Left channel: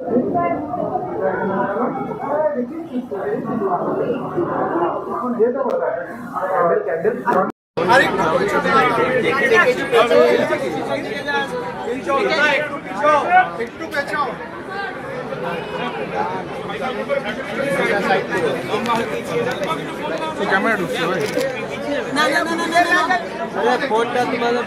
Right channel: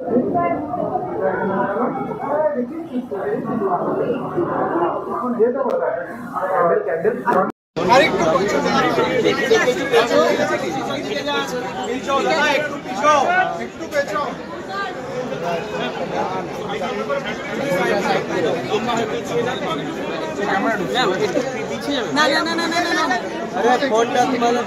না না না না না না আরে ফোনটা তোমাদের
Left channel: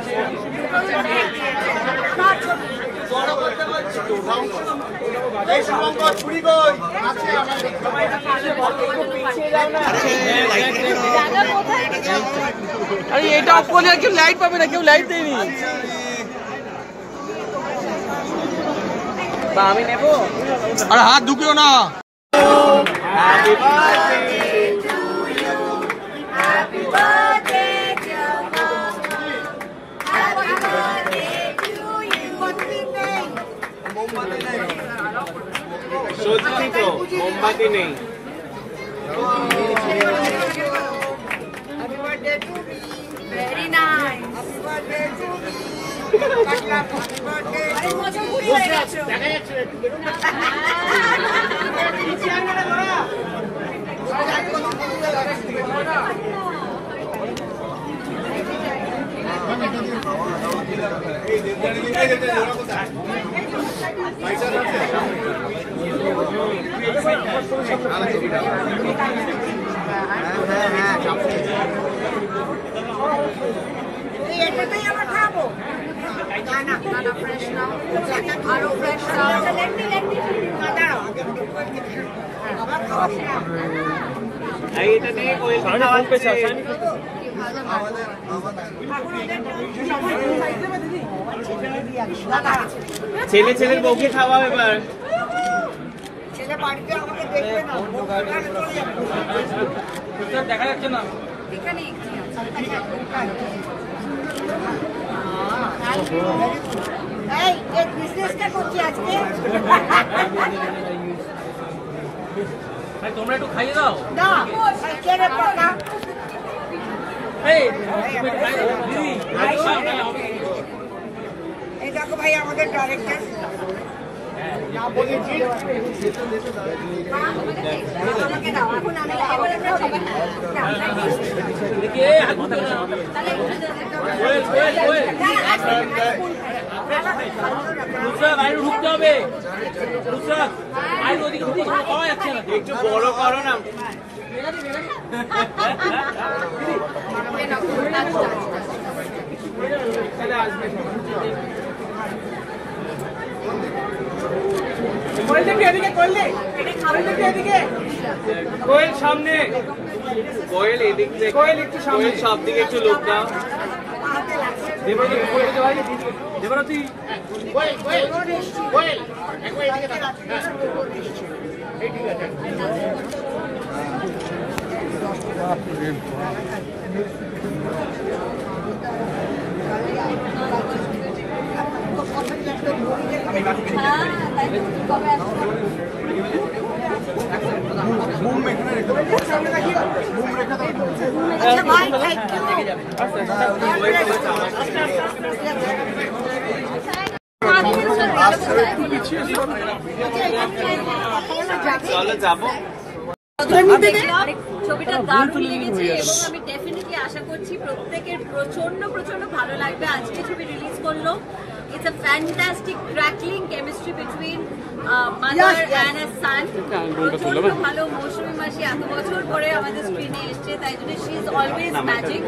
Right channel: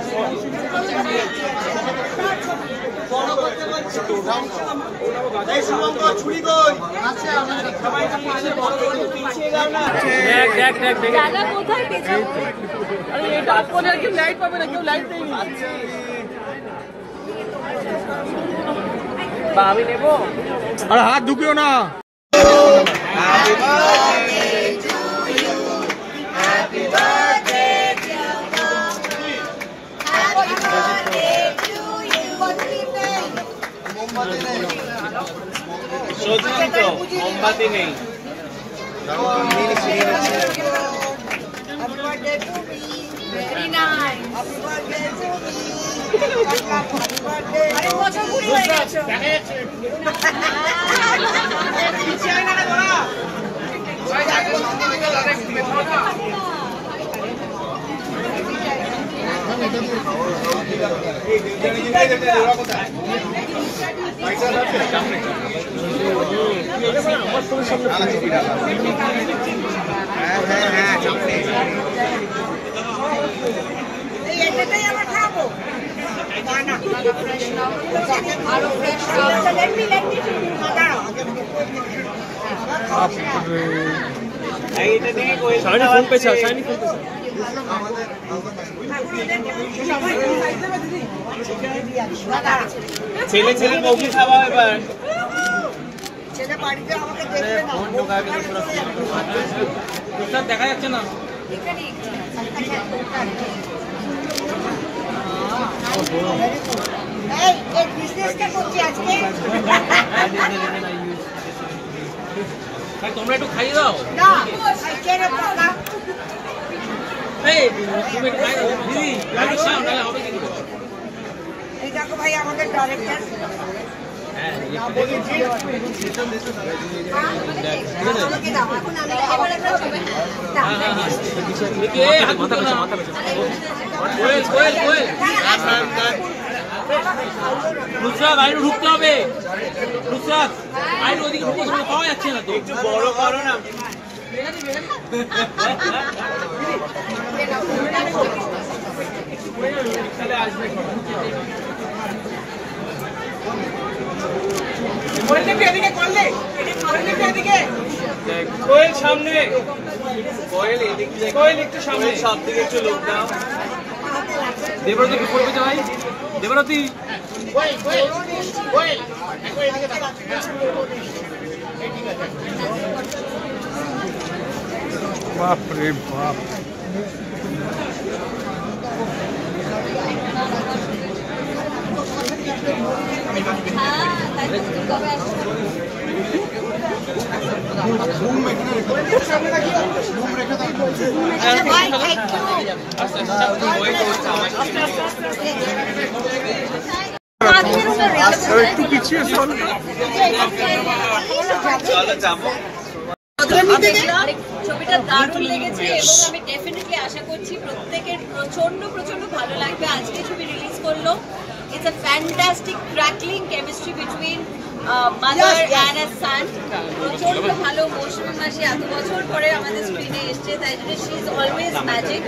আরে এটা অফ করলে কেউ লাইট পাবে না, কেউ লাইট দেয়নি। বা আমি নেব, আরে হাত ঢুকিও না। মোমবাতি নেই। Very nice. এটাই আমরা খাবো না না না ফ্রেশ নাও আরো ফ্রেশ নাও লেট মি দাঁড়াও আবার খাওয়া না এইটা নিয়ে কোয়েল ফোন পেছে আসানি ছেলে ছেলে বউকে খাওয়া এবার ছেলে বাড়িতে আমাকে দেখবে না সব দেখা যাচ্ছে না এখানে এই এই বিজনেসটা করছি আজকে ভাই তোমরা একটু খাইয়ে দাও না ছেড়ে পাকা এই তুমি খাই দাও দিদি ভাই সামনে হবে এই দেখো ভাই আমাদের ডাইরেক্টর না বলেছি আমাকে দাও এখন আমি এবার আমরা সবাই এ হাত ধরো না কোয়েল রুকসাদ আইন ঢুকতে হবে রুকসাদ আইন ওদিকে ঢুকতে সময় পাওয়া যাচ্ছে না একটু বড় করো না তাহলে আসবে কোয়েল দেখে এদিকে কোয়েল সামনে কোয়েল এদিকে কোয়েল একটু সামনে সব দিকে একটু লোক দাও দেবরতী কোয়েল ভাই দেবরতী কোয়েল বাপ রে বাপ একটু পিছিয়ে ছবিটা দারুণ লেগেছে এবং আমি ডেফিনেটলি আশা করছি প্রত্যেকের প্রচন্ড ভালো লাগবে। আজকে ছবি রিলিজ করলো। It's a fantastic crackling chemistry between mother and a son. প্রচন্ড ভালো মৌসুমী মাসি এত বছর পরে আমাদের স্ক্রিনে এসছে, তাই জন্য she is always magic.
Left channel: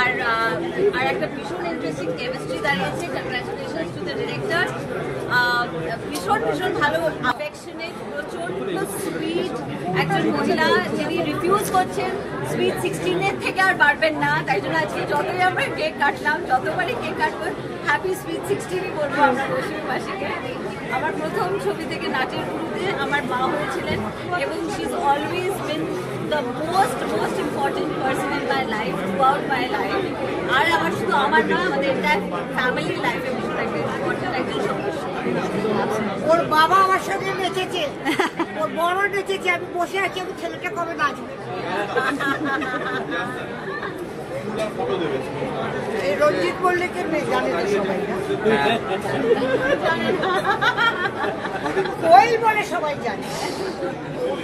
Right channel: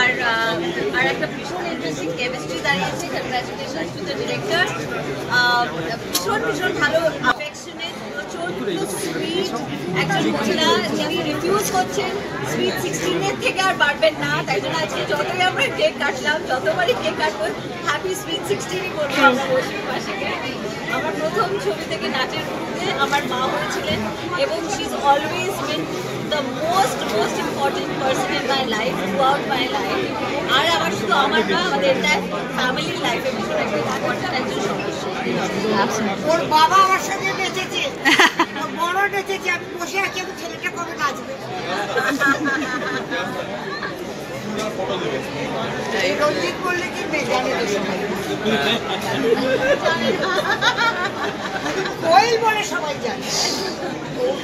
আর একটা ভীষণ ইন্টারেস্টিং কেমিস্ট্রি দাঁড়িয়েছে। Congratulations to the director. ভীষণ ভালো অ্যাফেকশনেট, প্রচন্ড সুইট একজন মহিলা যিনি রিফিউজ করছেন সুইট 16-এর থেকে আর বাড়বেন না, তাই জন্য আজকে যতই আমরা কেক কাটলাম, যতবারই কেক কাটবো হ্যাপি সুইট 16ই করবো আমরা মৌসুমী মাসিকে। আমার প্রথম ছবি থেকে নাচের শুরুতে আমার মা হয়েছিলেন এবং she is always been the most important person in my life, throughout my life. আর আমার শুধু আমার না, আমাদের এন্টায়ার ফ্যামিলির লাইফে ভীষণ একটা ইম্পর্টেন্ট একজন সদস্য। ওর বাবা আমার সাথে নেচেছে, ওর বড় নেচেছে, আমি বসে আছি, আমি ছেলেটা কবে নাচবে। রঞ্জিত বললে কি মেয়ে জানে, ওই স্টাইল বলে সবাই জানে,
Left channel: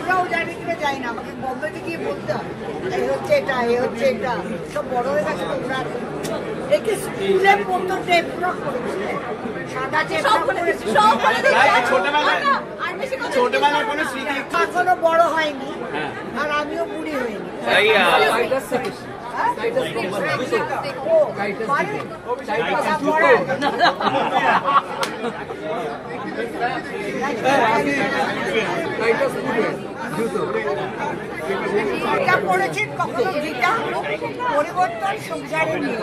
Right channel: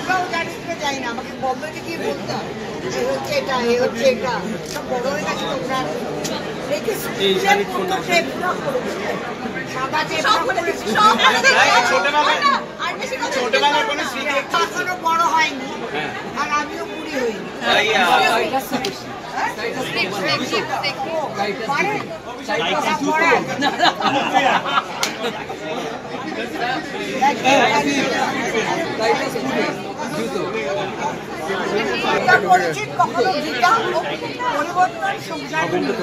ওরাও জানি কিনা জানি না, আমাকে বম্বেতে গিয়ে বলতে হয় এই হচ্ছে এটা, এই হচ্ছে এটা, সব বড় হয়ে গেছে তোমরা। রেখে স্কুলে পড়তো টেপ ফ্রক করেছে, সাদা টেপ ফ্রক করেছে, ছোটবেলায় কোনো স্মৃতি এখনো বড় হয়নি আর আমিও বুড়ি হইনি। এটা করেছি কখনো গীতা পরিবর্তন সংসারে নিয়ে